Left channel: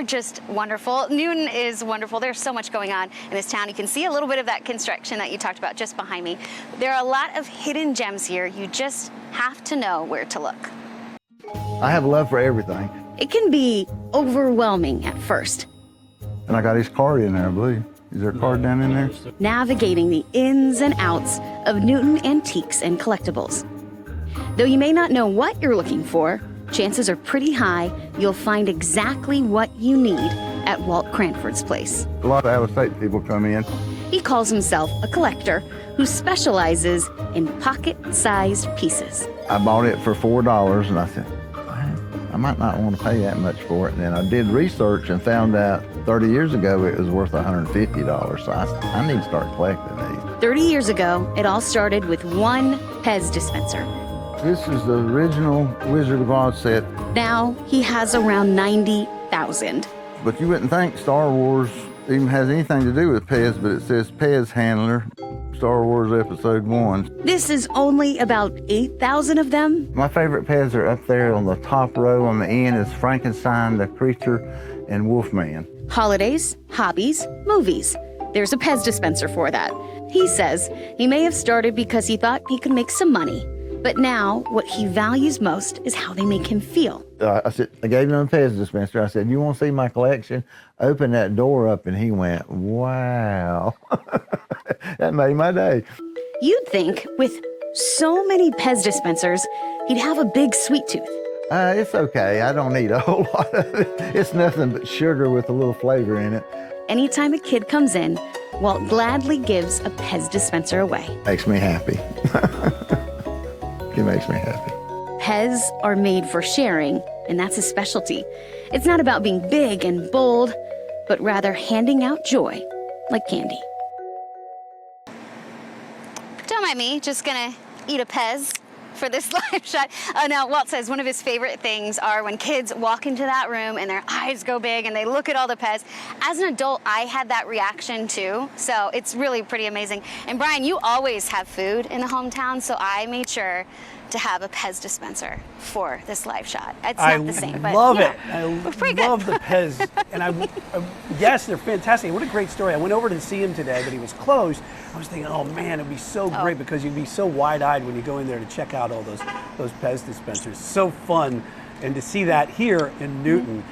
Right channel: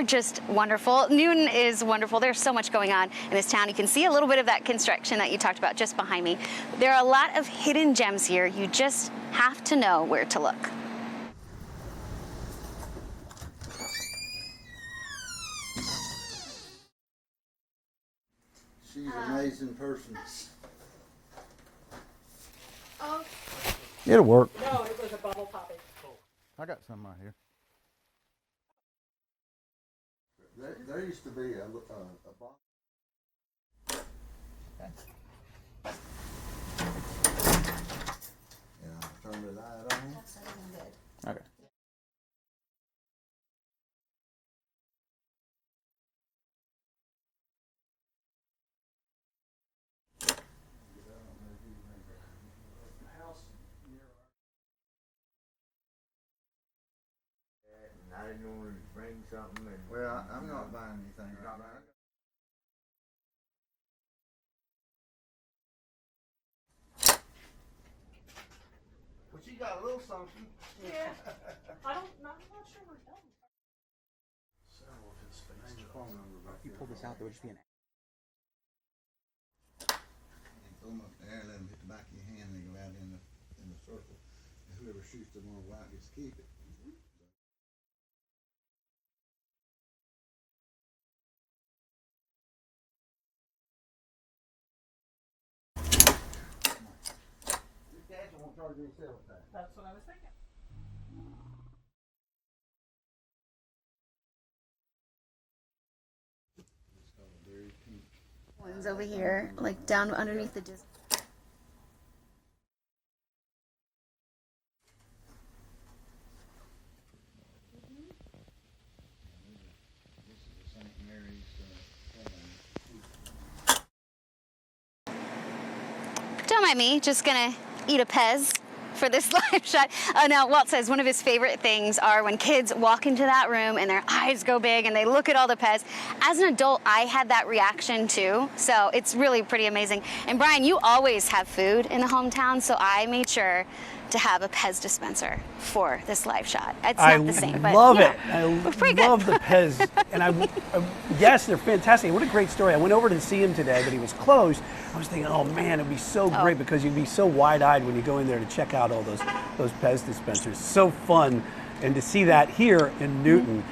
are just wonderful. Newton is wonderful. There's so much going on in this town. You can see a little bit of that construction that you talked about just behind me. There are a lot of hidden gems here. You just have to know where to look. I have love for everything. It can be overwhelming at first. And I got his card in there, I believe. Is there a card down in there? Navigating the ins and outs of Newton antiques and collectibles. It'll work. Though you may not know what you're looking for, chances are pretty high you'll find exactly what you need at Walt Cranford's place. A lot of out-of-state people come in. He calls himself a collector who specializes in pocket-sized pieces. I bought it for $4 and I said, I might not want to pay that much for it. And then I did research and found out 30 years ago it was worth $150. So I need to start collecting these. 30 years ago, it all started with one Pez dispenser. This is the original Wizard of Oz set. Now he has around 90,000. But you wouldn't think Star Wars even has anything to do with Pez, but it says Pez Handler, Star Wars Episode 1. This is only about 8,000 of them. My favorite Pez are up there on the top row. On the end is Frankenstein, the Creature, and Wolfman. Holidays, hobbies, movies. There's a Pez dispenser for that. He says he may have started because he thought he could make some money. But now, what he values most is how they make him feel. I gave him a Pez dispenser. I said, you want to see my collection? Open that door up, and he went, wow. That made my day. You'd think with so many Pez dispensers, he'd have a big sweet tooth. It's okay. I don't need a whole lot of it. It's nothing but sugar with a little flavor in it. Anytime a kid comes in, Walt gladly gives a Pez dispenser away. Makes me happy. It makes me happy. Pez are made for sharing, and that's his specialty. It's not about being big and bold, but rather handing out joy like candy. Don't mind me, just gonna eat a Pez for this live shot. Now, Walt says one of his favorite things are when kids walk into that room and their eyes go big and they look at all the Pez. As an adult, I had that reaction too, so it's really pretty amazing. And Brian, you always have food in the hometown, so I made sure to have a Pez dispenser for this live shot. It's not the same, but love yeah, it. I pretty love good. the Pez, and yes, they're fantastic. What a great story. I went over to see him today, but he was closed. I was thinking, oh man, it'd be so great because you'd be so wide-eyed when you go in there to check out all those Pez dispensers. So fun, and to see that here in Newton.